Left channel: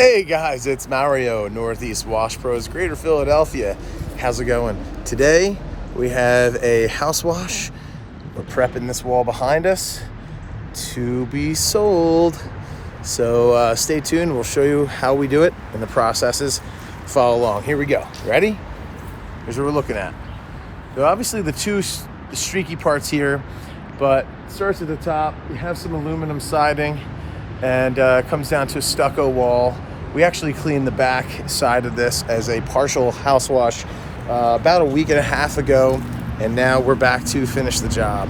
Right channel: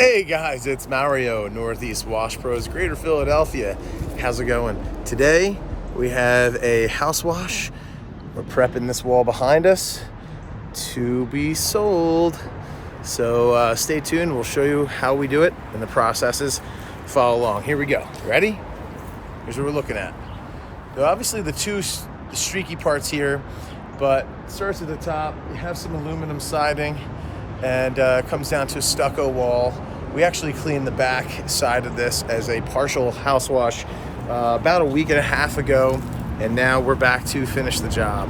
Hey guys, it's Mario, Northeast Wash Pros, Greater Philadelphia. How's it going? Today we have a house wash. We're prepping this wall behind us to be sold. So stay tuned. We'll show you how we do it and the processes. Follow along. Here we go. Ready? Here's what we're looking at. So obviously the two streaky parts here, but it starts at the top. We have some aluminum siding and comes down to a stucco wall. We actually cleaned the back side of this as a partial house wash about a week and a half ago, and now we're back to finish the job.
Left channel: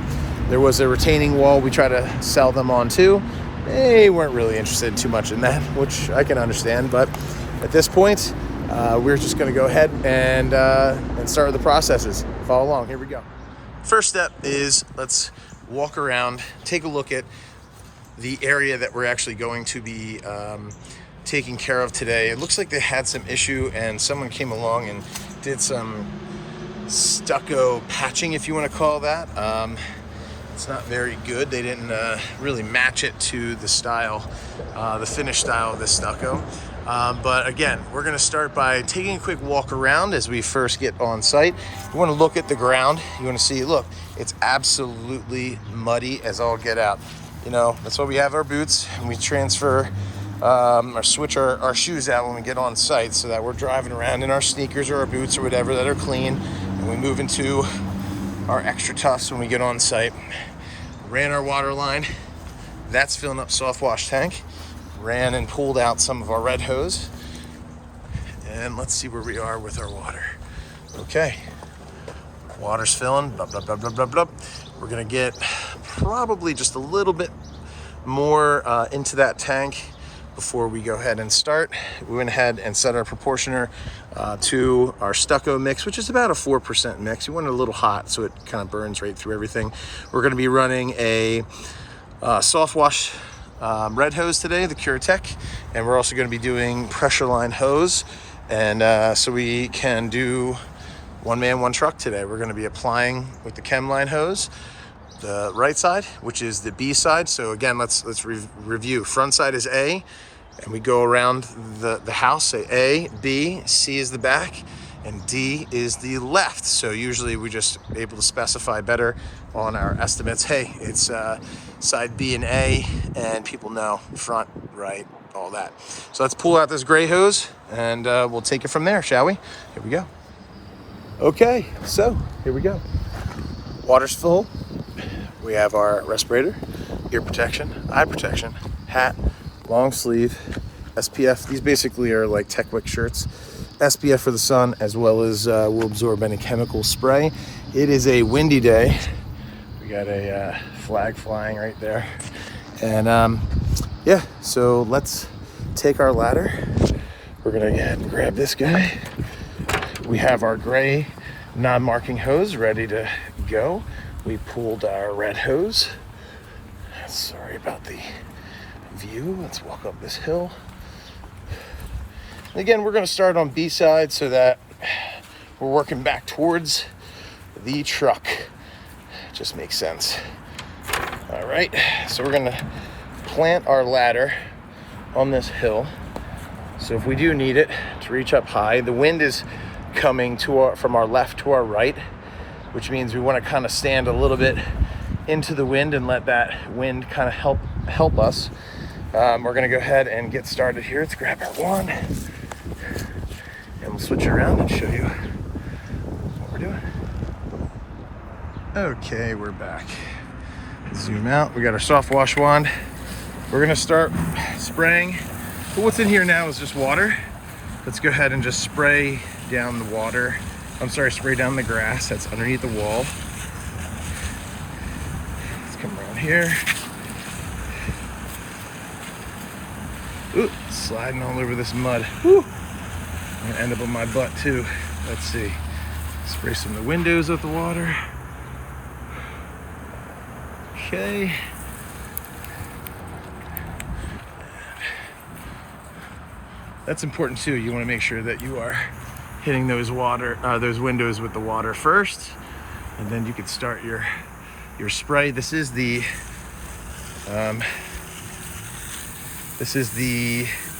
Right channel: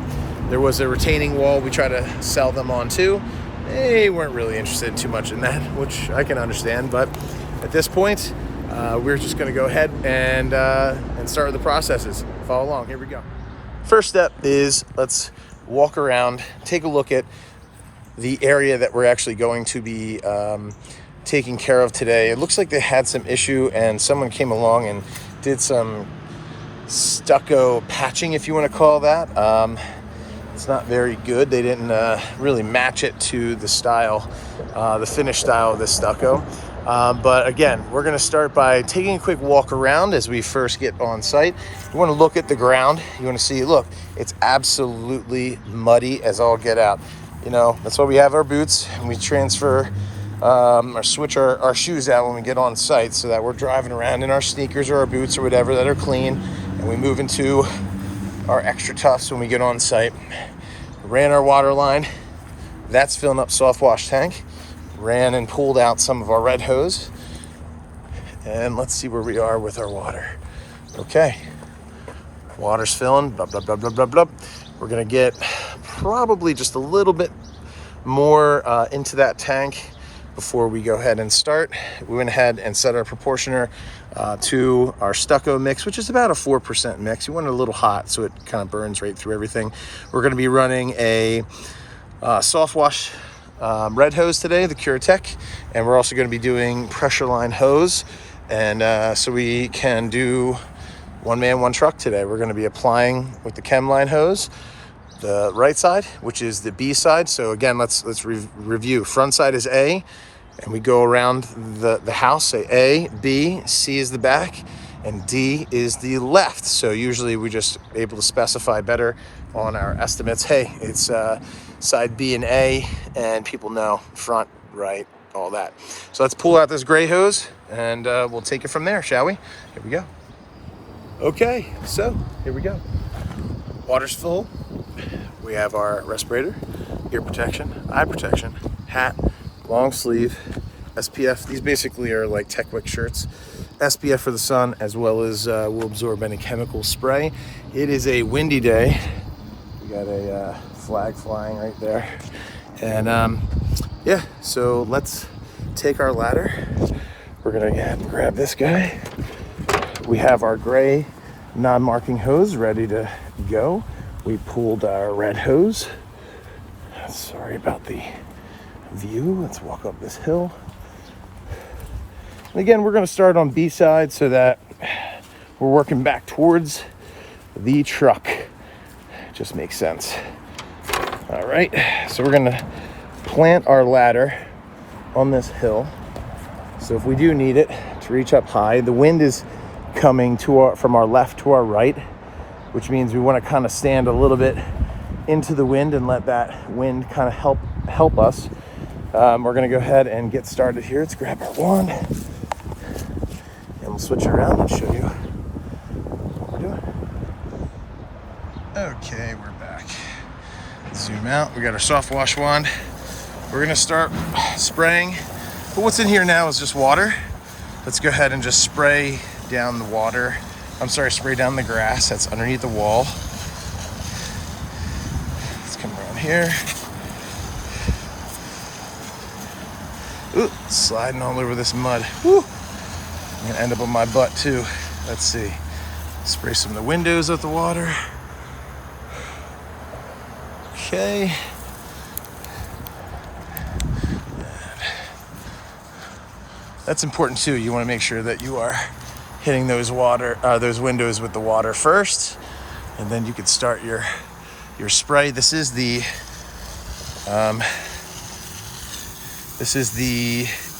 There was a retaining wall we tried to sell them on too. They weren't really interested too much in that, which I can understand, but at this point, we're just gonna go ahead and start the processes. Follow along, here we go. First step is let's walk around, take a look at the area that we're actually going to be taking care of today. It looks like they had some issue and someone came along and did some stucco patching, if you want to call that. It's not very good. They didn't really match it to the style, the finished style of this stucco. But again, we're going to start by taking a quick walk around as we first get on site. You want to look at the ground. You want to see, look, it's absolutely muddy as all get out. You know, that's why we have our boots and we transfer or switch our shoes out when we get on site so that we're driving around in our sneakers or our boots or whatever that are clean, and we move into our extra toughs when we get on site. Ran our water line. That's filling up soft wash tank. Ran and pulled out some of our red hose. And let's see where we are with our water. Okay. Water's filling. Blah, blah, blah, blah, blah, blah. We're going to get probably just a little bit more into that tank before we go ahead and start. We went ahead and set our proportioner to our stucco mix, which is about a 4% mix. You want it a little hot so it kind of burns right through everything. We're going to be running a soft wash red hose today, the CureTech, and we're also going to be doing pressure line hose. And so we can do one man, one truck today. We're going to be applying with the Chemline hose, the right side, which is the B side. So again, let's review. Front side is A, and we go around the house, say A, B, C is the back, and D is the left. So usually we just able to specify better on our estimates. Hey, it's side B and A, and people know front, right, all that. So let's pull out this gray hose and we'll take it from there, shall we? Here we go. Okay, so here we go. Water's full. We have our respirator, ear protection, eye protection, hat, long sleeve, SPF. These basically are like Techwick shirts. SPF for the sun, as well as will absorb any chemical spray. It is a windy day. We got a flag flying right there. And yeah, so let's take our ladder. We're gonna grab this guy. We have our gray non-marking hose ready to go. We pulled our red hose. Sorry about the view. Let's walk up this hill. And again, we're going to start on B side so that we're working back towards the truck. Just makes sense. All right, so we're going to plant our ladder on this hill. So if we do need it to reach up high, the wind is coming from our left to our right, which means we want to kind of stand a little bit into the wind and let that wind kind of help us. We're going to go ahead and get started here. Let's grab our wand and we'll switch around and show you what we're doing. Okay, we're back. Zoom out. We got our soft wash wand. We're going to start spraying, but what's in here now is just water. Let's go ahead and just spray down the water. Spray down the grass that's underneath the wall. Let's come around here. Ooh, sliding all over this mud. Woo! I'm gonna end up on my butt too. Let's see. Spray some of the windows with the water. Okay. That's important too. You want to make sure that you are hitting those windows with the water first, and then you could start your spray. This is the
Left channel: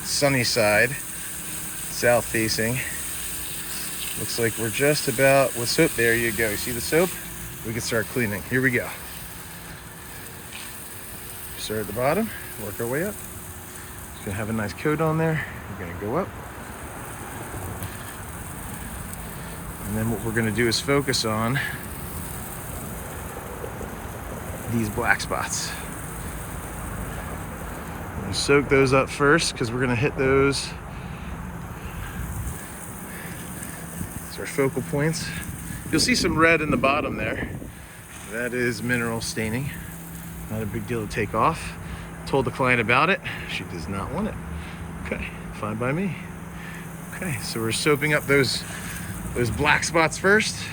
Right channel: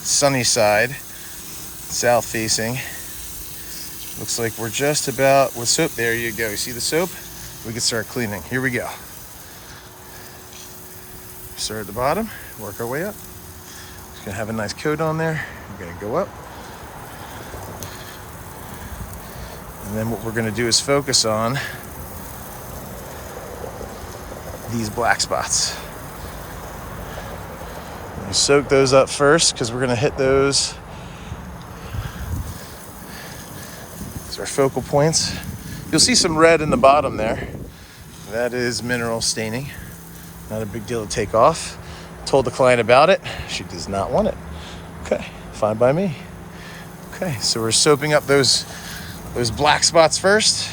sunny side, south facing. Looks like we're just about with soap. There you go. You see the soap? We can start cleaning. Here we go. Start at the bottom, work our way up. Just gonna have a nice coat on there. We're gonna go up. And then what we're gonna do is focus on these black spots. We're gonna soak those up first because we're gonna hit those. These are focal points. You'll see some red in the bottom there. That is mineral staining. Not a big deal to take off. Told the client about it. She does not want it. Okay, fine by me. Okay, so we're soaping up those black spots first.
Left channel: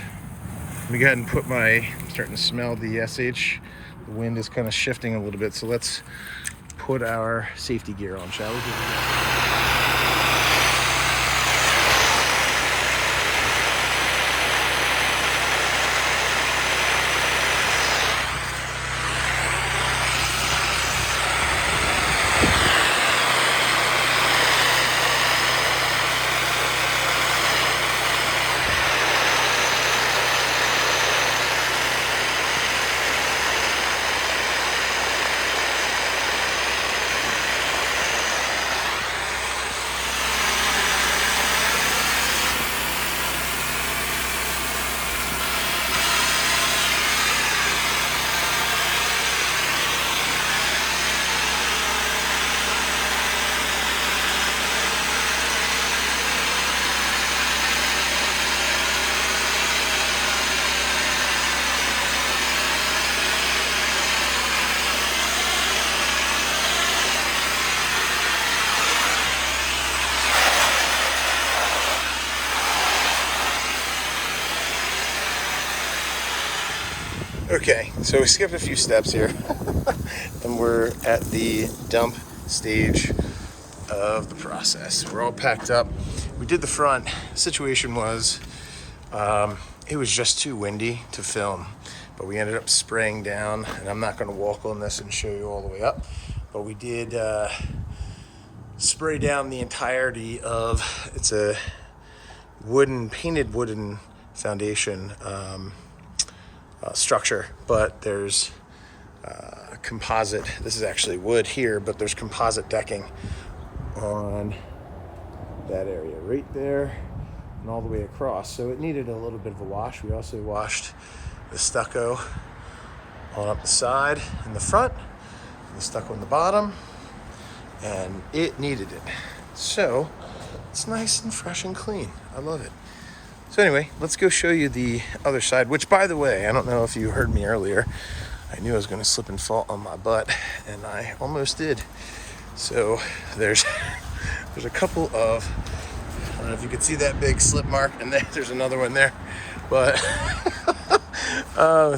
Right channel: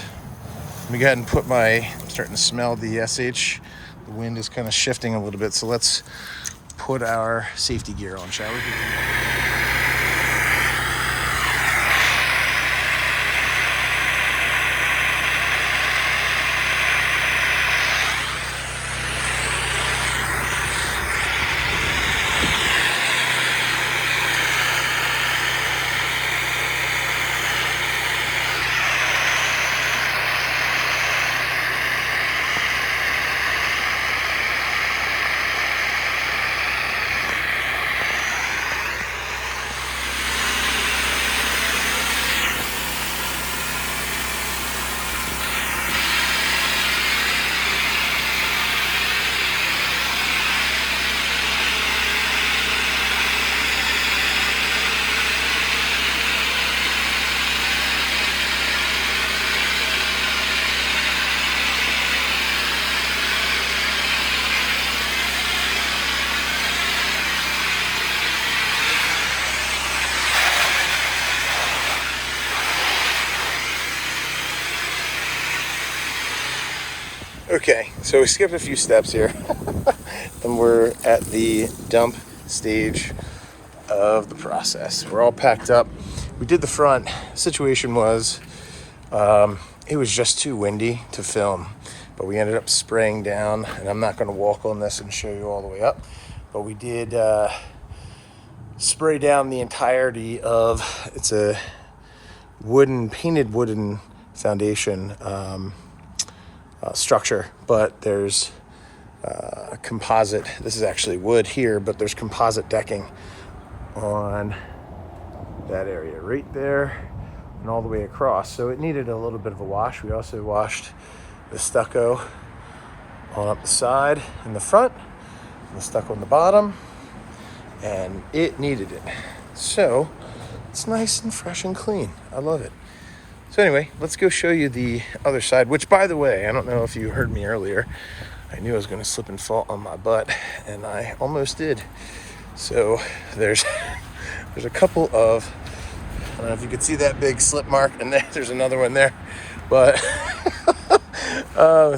Let me go ahead and put I'm starting to smell the SH. The wind is kind of shifting a little bit, so let's put our safety gear on, shall we? Okay, so we skipped a few steps here and we're at the dump stage of the process. We're all packed up. We did the front. Situation was, it was just too windy to film, but we ended up spraying down, and I'm not gonna walk on this and show you all the way up, but we did spray down the entirety of, it's a painted wooden foundation structure, but there's composite. This is actually wood here, but there's composite decking on that area right there and all the way across. So it needed a little bit of a wash. We also washed the stucco on up the side and the front, and the stucco on the bottom, and it needed it. So it's nice and fresh and clean. I love it. So anyway, let's go show you the other side, which, by the way, I don't know if you heard me earlier. I knew I was going to slip and fall on my butt, and I almost did. So there's a couple of, I don't know if you could see that big slip mark, and then there's another one there. But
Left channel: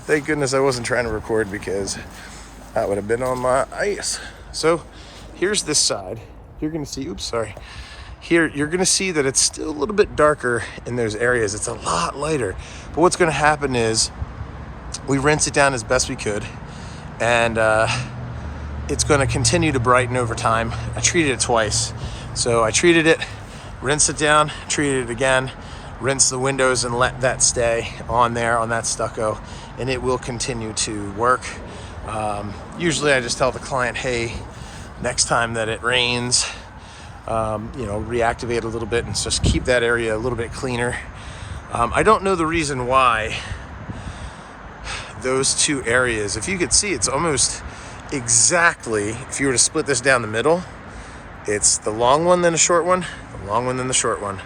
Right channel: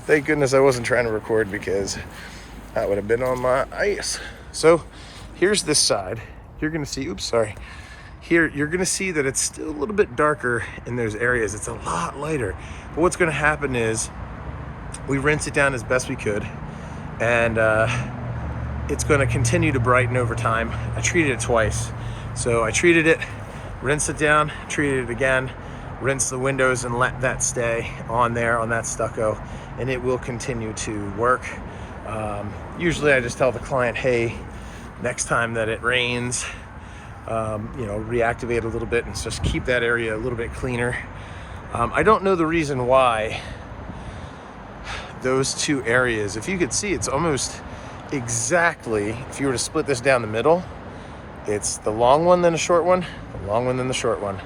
thank goodness I wasn't trying to record, because that would have been on my ice. So here's this side. You're going to see, oops, sorry. Here, you're gonna see that it's still a little bit darker in those areas. It's a lot lighter. But what's gonna happen is we rinse it down as best we could, and it's gonna continue to brighten over time. I treated it twice. So I treated it, rinsed it down, treated it again, rinse the windows, and let that stay on there, on that stucco, and it will continue to work. Usually I just tell the client, hey, next time that it rains, reactivate a little bit and just keep that area a little bit cleaner. I don't know the reason why those two areas, if you could see, it's almost exactly, if you were to split this down the middle, it's the long one, then the short one, the long one, then the short one.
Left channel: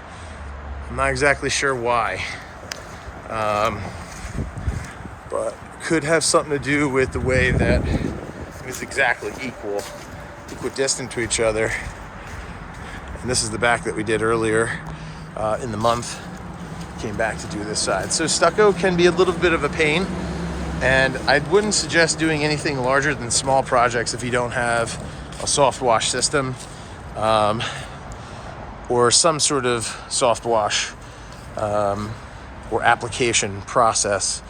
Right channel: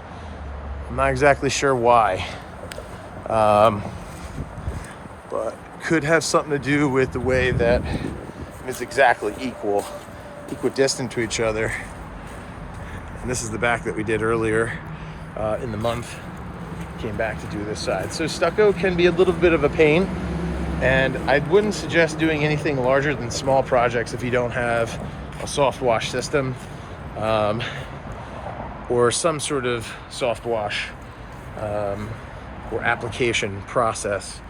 I'm not exactly sure why, but could have something to do with the way that it's exactly equidistant to each other. And this is the back that we did earlier in the month. Came back to do this side. So stucco can be a little bit of a pain, and I wouldn't suggest doing anything larger than small projects if you don't have a soft wash system or some sort of soft wash or application process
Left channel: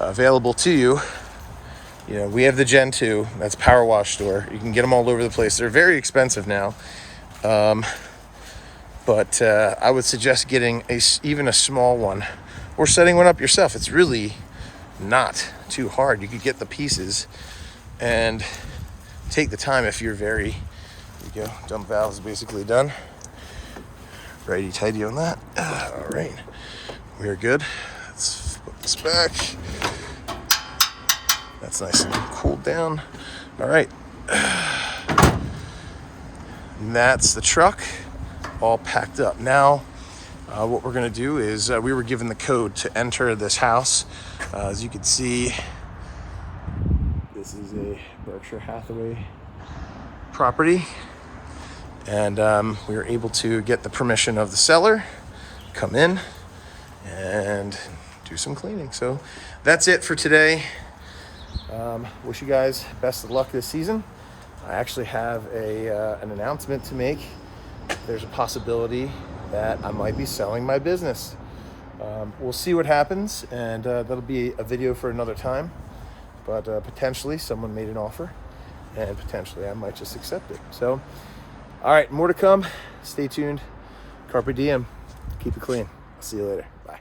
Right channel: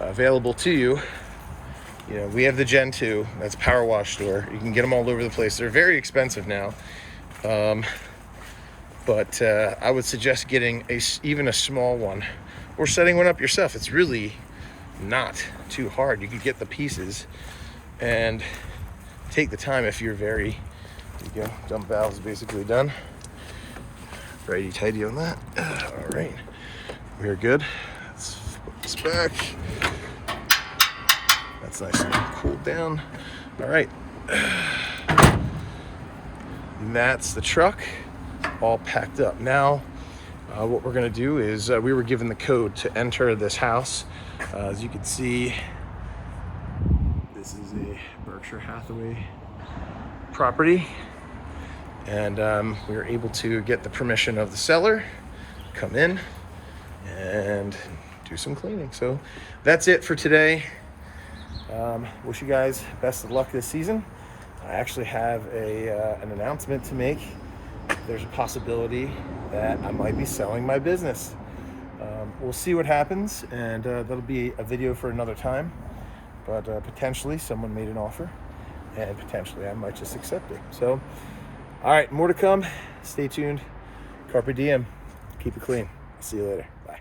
available to you. You know, we have the Gen 2, that's Power Wash Store. You can get them all over the place. They're very expensive now. But I would suggest getting even a small one or setting one up yourself. It's really not too hard. You could get the pieces and take the time if you're very, there you go, dump valve is basically done. Righty tighty on that. All right, we're good. Let's put this back. That's nice and cooled down. All right, and that's the truck all packed up. Now, what we're gonna do is we were given the code to enter this house. As you can see, this is a Berkshire Hathaway property, and we were able to get the permission of the seller, come in and do some cleaning. So that's it for today. Wish you guys best of luck this season. I actually have an announcement to make. There's a possibility that I might be selling my business. We'll see what happens, and that'll be a video for another time. But potentially someone made an offer, and potentially I might just accept it. So, all right, more to come. Stay tuned. Carpe diem. Keep it clean. I'll see you later. Bye.